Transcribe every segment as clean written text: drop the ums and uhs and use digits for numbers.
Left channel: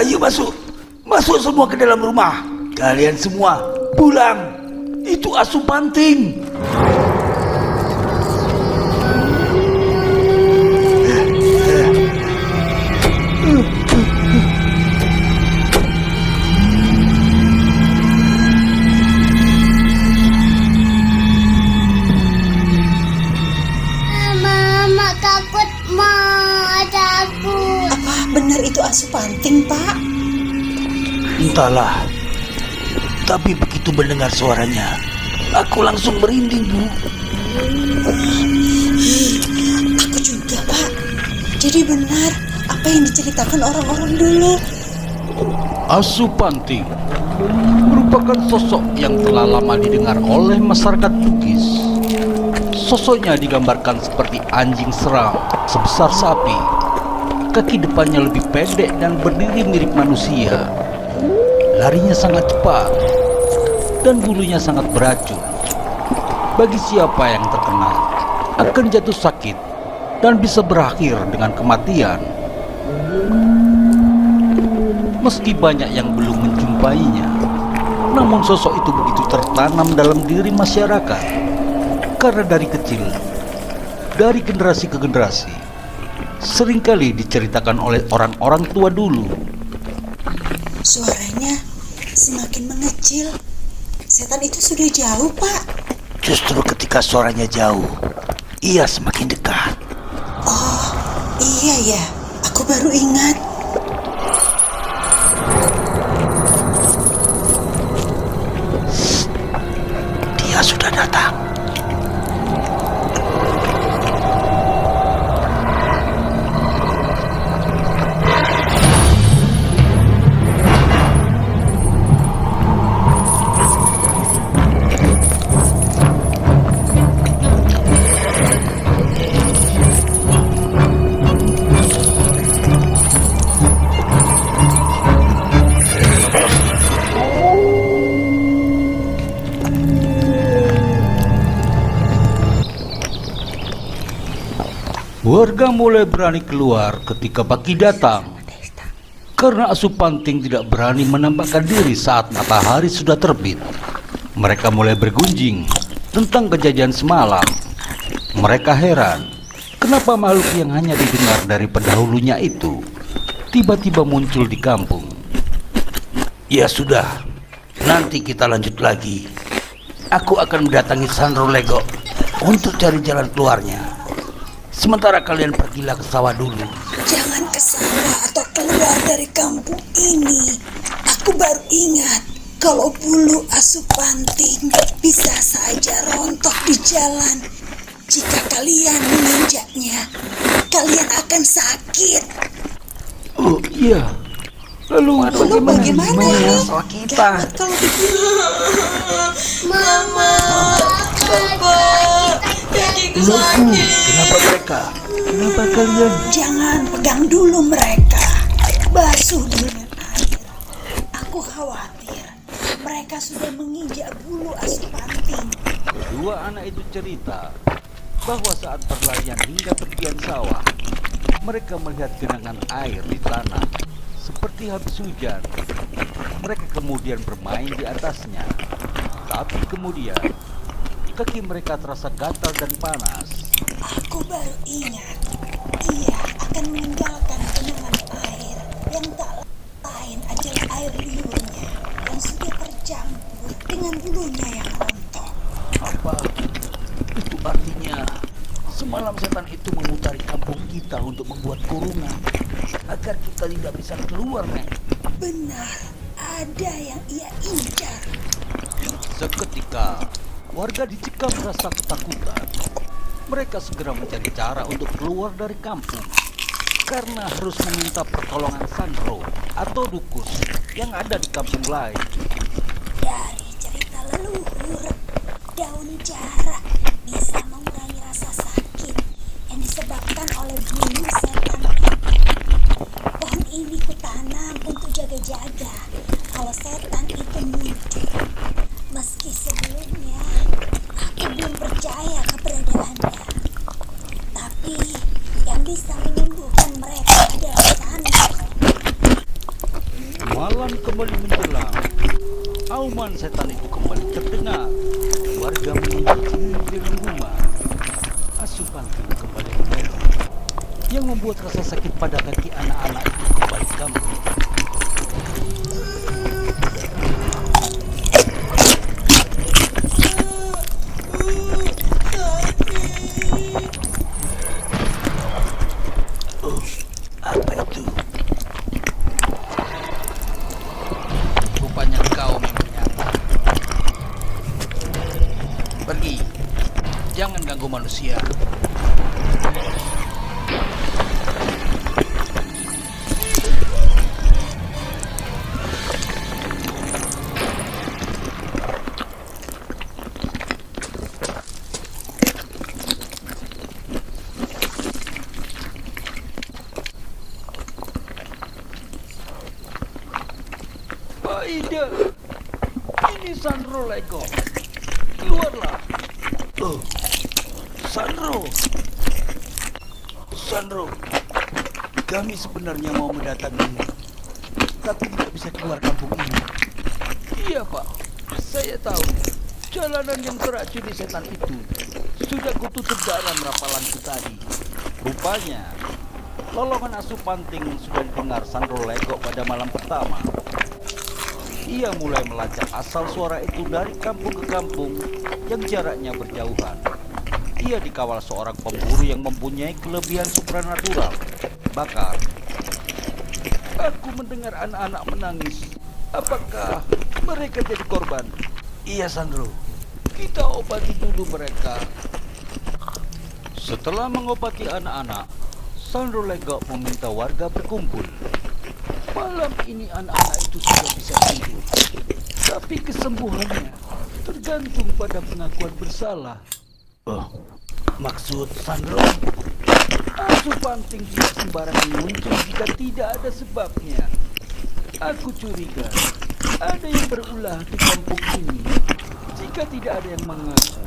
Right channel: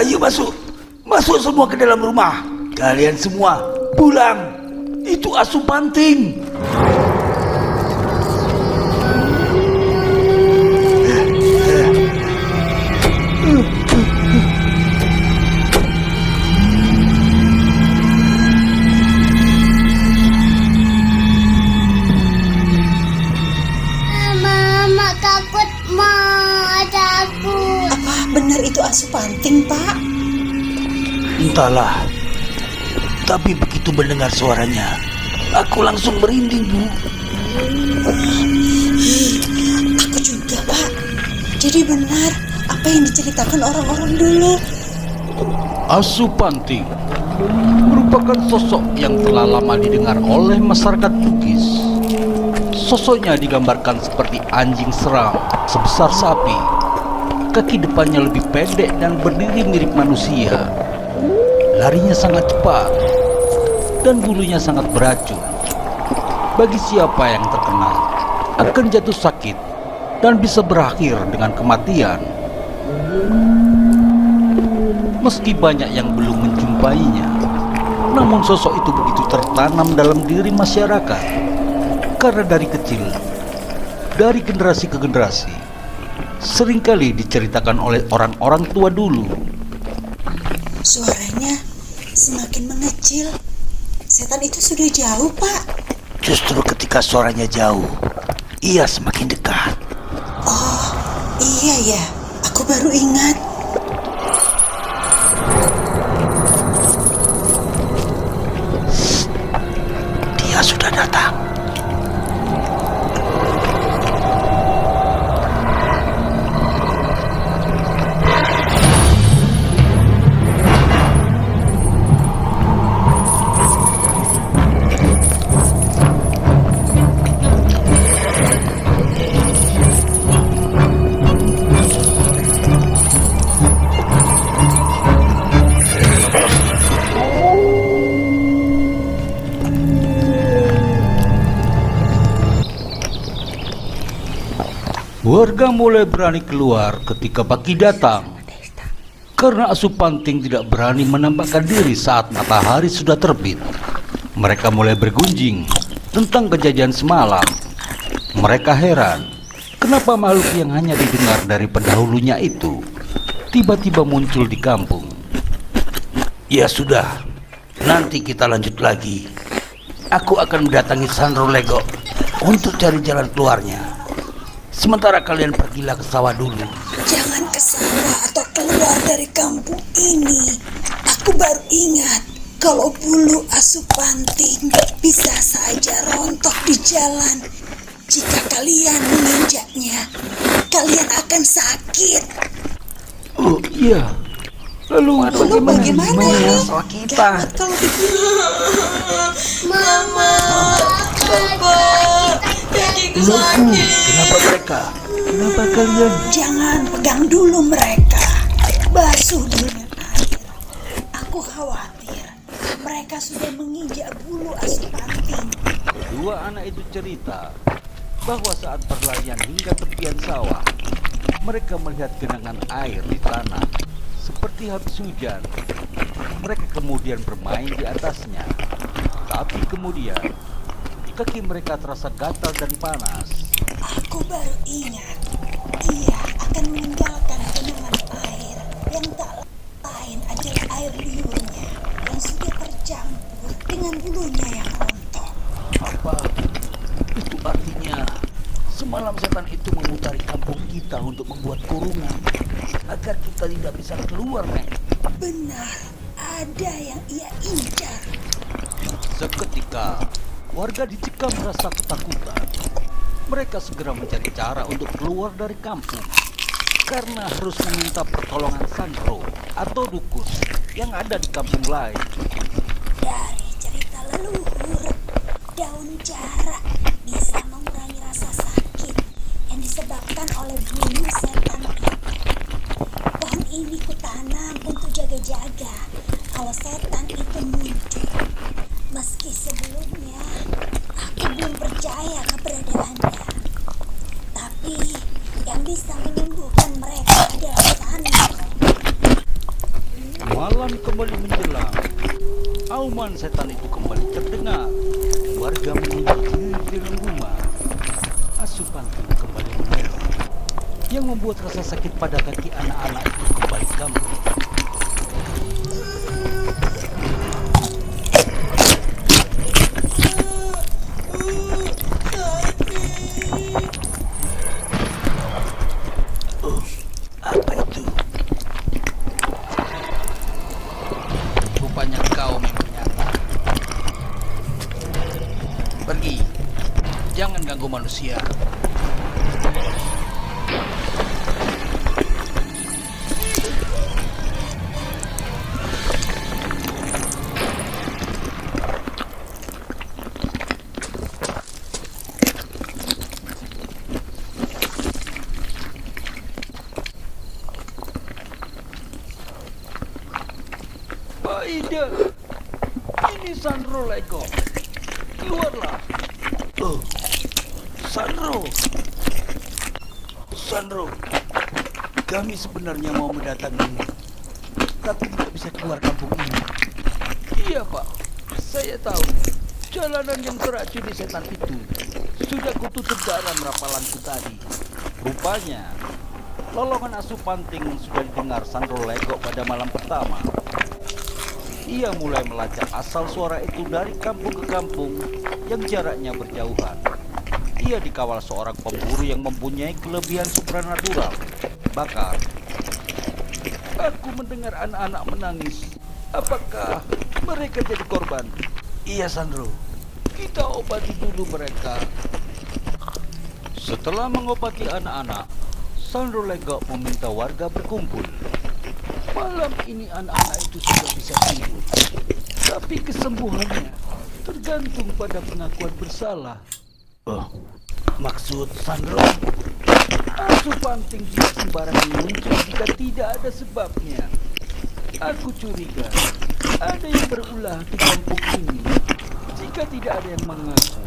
Ayo masuk. Masuk semua ke dalam rumah. Kalian semua pulang. Itu Asu Panting. Mama takut, takut. Apa benar itu Asu Panting, Pak? Entahlah. Tapi begitu mendengar suaranya, aku langsung merinding, Bu. Aku juga, Pak. Jadi benar apa yang diceritakan orang-orang dulu. Asu Panting merupakan sosok yang telah lama didengar oleh masyarakat Bugis. Sosoknya digambarkan seperti anjing seram sebesar sapi. Kaki depannya lebih pendek dan berdiri mirip manusia. Larinya sangat cepat dan bulunya sangat beracun. Bagi siapa yang terkena, akan jatuh sakit dan bisa berakhir dengan kematian. Meski banyak yang belum menjumpainya, namun sosok itu begitu tertanam dalam diri masyarakat. Karena dari kecil, dari generasi ke generasi, seringkali diceritakan oleh orang-orang tua dulu. Suaranya semakin mengecil. Setan itu sudah jauh, Pak. Justru ketika suaranya jauh, ia semakin dekat. Oh, iya ya. Aku baru ingat. Dia sudah datang. Warga mulai berani keluar ketika pagi datang. Karena Asu Panting tidak berani menampakkan diri saat matahari sudah terbit. Mereka mulai bergunjing tentang kejadian semalam. Mereka heran, kenapa makhluk yang hanya didengar dari pendahulunya itu tiba-tiba muncul di kampung. Ya sudah, nanti kita lanjut lagi. Aku akan mendatangi Sandro Lego untuk cari jalan keluarnya. Sementara kalian pergilah ke sawah dulu. Jangan ke sawah atau keluar dari kampung ini. Aku baru ingat kalau bulu Asu Panting bisa saja rontok di jalan. Jika kalian menginjaknya, kalian akan sakit. Oh iya. Lalu bagaimana ya? sawah kita? Gawat kalau begini. Mama, kakiku Loku, sakit. kenapa mereka? Kenapa kalian? Jangan pegang dulu mereka. Basuh dengan air. Aku khawatir mereka sudah menginjak bulu Asu Panting. Kedua anak itu cerita bahwa saat berlarian hingga tepian sawah, mereka melihat genangan air di tanah seperti habis hujan. Mereka kemudian bermain di atasnya. Tapi kemudian kaki mereka terasa gatal dan panas. Aku baru ingat, ia akan meninggalkan genangan air yang tak lain adalah air liurnya yang sudah tercampur dengan bulunya yang rontok. Apa? Itu artinya semalam setan itu memutari kampung kita untuk membuat kurungan agar kita tidak bisa keluar, Nek. Benar, ada yang ia incar. Seketika warga dicekam merasa ketakutan. Mereka segera mencari cara untuk keluar dari kampung karena harus meminta pertolongan Sandro atau dukun yang ada di kampung lain. Dari cerita leluhur, daun jarak bisa mengurangi rasa sakit yang disebabkan oleh bulu setan itu. Pohon ini kutanam untuk jaga-jaga kalau setan itu muncul. Meski sebelumnya aku belum percaya keberadaannya, tapi yang bisa menyembuhkan mereka adalah Sandro. Malam kembali menjelang. Auman setan itu kembali terdengar. Warga mengunci diri dalam rumah. Asupanting kembali menelpon, yang membuat rasa sakit pada kaki anak-anak itu kembali kambuh. Apa itu? Rupanya kau memang nyata. Pergi. Jangan ganggu manusia. Aida, ini Sandro Lego. Keluarlah. Oh, Sandro. Sandro, kami sebenarnya mau mendatangimu, tapi tidak bisa keluar kampung ini. Iya Pak, saya tahu. Jalanan yang teracuni setan itu sudah kututup dalam rapalanku tadi. Rupanya, lolongan Asupanting sudah didengar Sandro Lego pada malam pertama. Ia mulai melacak asal suara itu dari kampung ke kampung yang jaraknya berjauhan. Ia dikawal seorang pemburu yang mempunyai kelebihan supranatural. Bahkan, aku mendengar anak-anak menangis. Apakah mereka jadi korban? Iya, Sandro. Kita obati dulu mereka. Setelah mengobati anak-anak, Sandro Lego meminta warga berkumpul. Malam ini anak-anak itu sudah bisa tidur, tapi kesembuhannya tergantung pada pengakuan bersalah. Oh, maksud Sandro? Asupanting tidak sembarangan muncul jika tidak ada sebabnya. Aku curiga ada yang berulah di kampung ini. Jika tidak ada yang mengaku,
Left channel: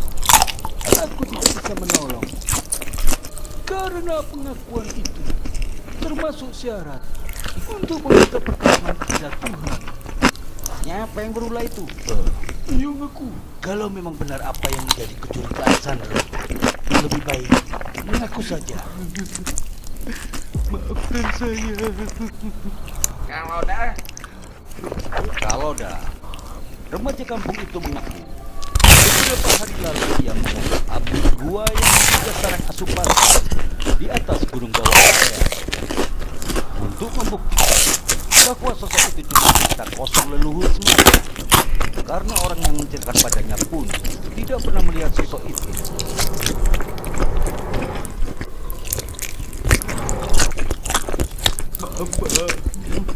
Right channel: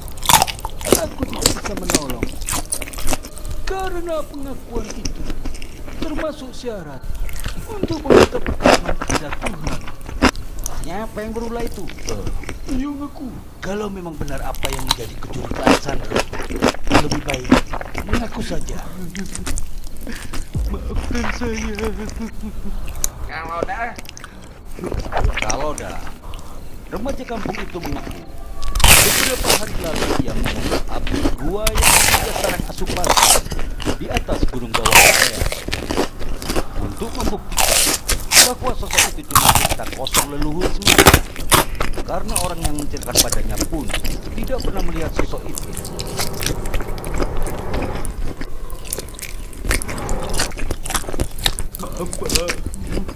aku tidak bisa menolong. Karena pengakuan itu termasuk syarat untuk meminta pertolongan kepada Tuhan. Siapa yang berulah itu? Yang aku. Kalau memang benar apa yang menjadi kecurigaan Sandro, lebih baik mengaku saja. Maafkan saya. Kalau dah, remaja kampung itu mengaku beberapa hari lalu ia mengumpul api gua yang diduga sarang Asupanting di atas gunung bawah saya. Untuk membuktikan bahwa sosok itu cuma cerita kosong leluhur semata, karena orang yang menceritakan padanya pun tidak pernah melihat sosok itu.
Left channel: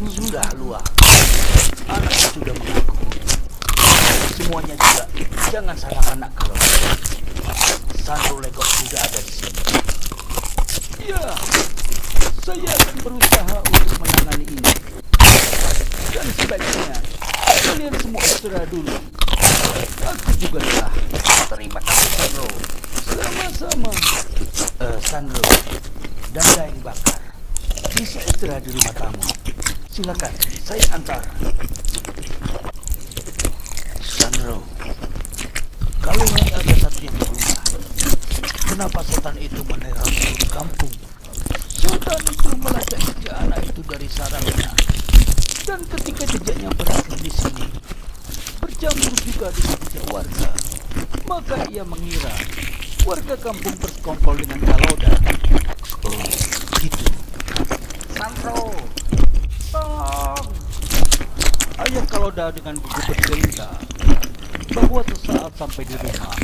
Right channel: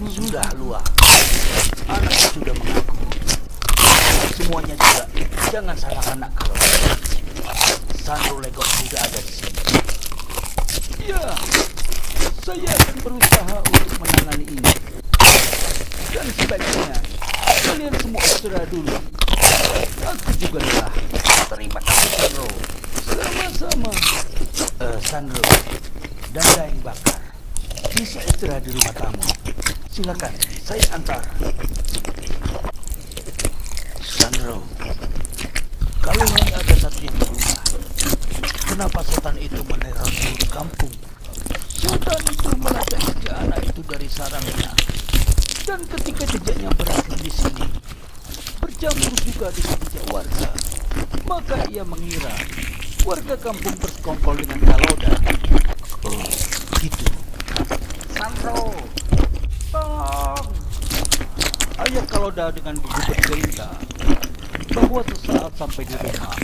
Sudah luar. Anak sudah mengaku. Semuanya juga jangan salah anak kalau Sandro Lego sudah ada di sini. Ya, saya akan berusaha untuk menangani ini. Dan sebaiknya kalian semua istirahat dulu. Aku juga telah. Terima kasih Sandro. Sama-sama. Sandro dan Daeng Bakar bisa istirahat di rumah tamu. Silakan, saya antar. Sandro, kalau hanya ada satu yang di rumah, kenapa setan itu meneror seluruh kampung? Setan itu melacak jejak anak itu dari sarangnya. Dan ketika jejaknya berakhir di sini, bercampur juga dengan jejak warga, maka ia mengira warga kampung bersekongkol dengan Kaloda. Oh, gitu. Sandro, tolong! Ayah Kaloda dengan gugup bercerita bahwa sesaat sampai di rumah,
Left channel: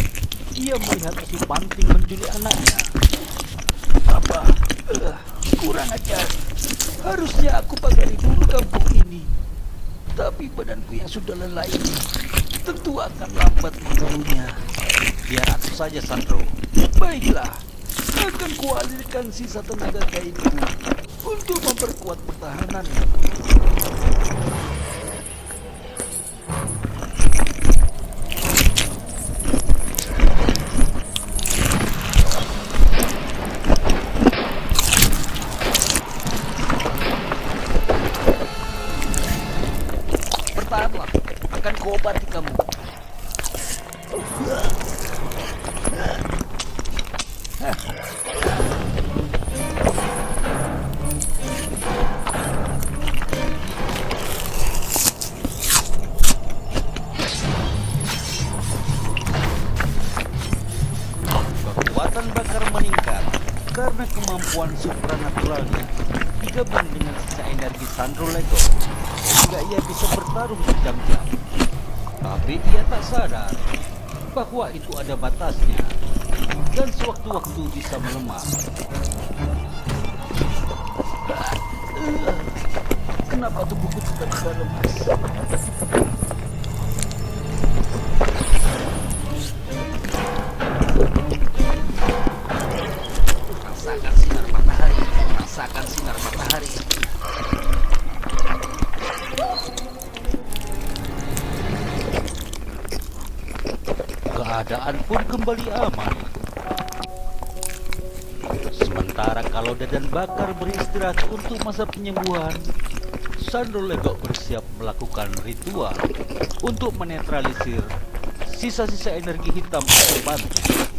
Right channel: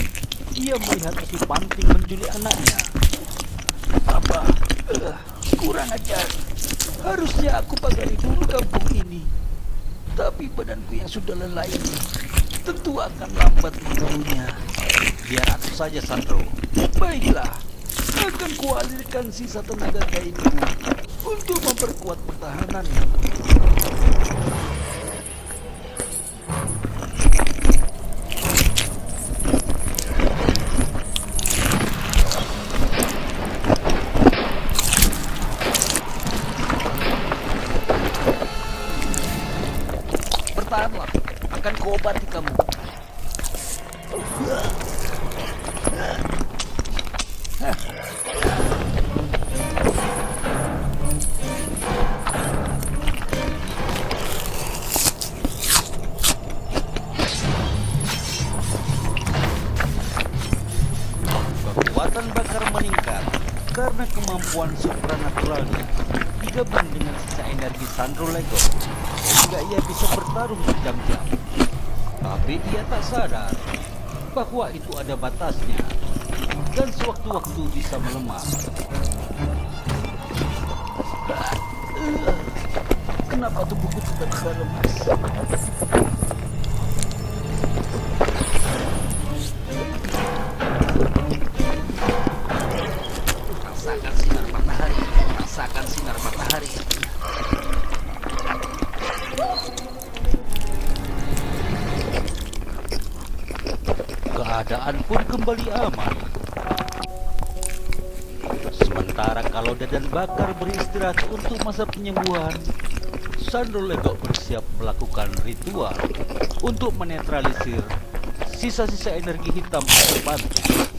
ia melihat Asupanting menculik anaknya. Apa? Kurang ajar. Harusnya aku pagari dulu kampung ini. Tapi badanku yang sudah lelah ini tentu akan lambat memburunya. Biar aku saja, Sandro. Baiklah, akan kualirkan sisa tenaga gaibku untuk memperkuat pertahanan. Tahanlah, akan kuobati kamu. Kekuatan bakar meningkat karena kemampuan supranaturalnya digabung dengan sisa energi Sandro Lego, sehingga ia bisa bertarung berjam-jam. Tapi ia tak sadar bahwa itu ada batasnya dan sewaktu-waktu bisa melemah. Kenapa tubuhku tiba-tiba lemas? Rasakan sinar matahari, rasakan sinar matahari. Keadaan pun kembali aman. Sementara Kaloda dan Bakar beristirahat untuk masa penyembuhan, Sandro Lego bersiap melakukan ritual untuk menetralisir sisa-sisa energi hitam Asupanti.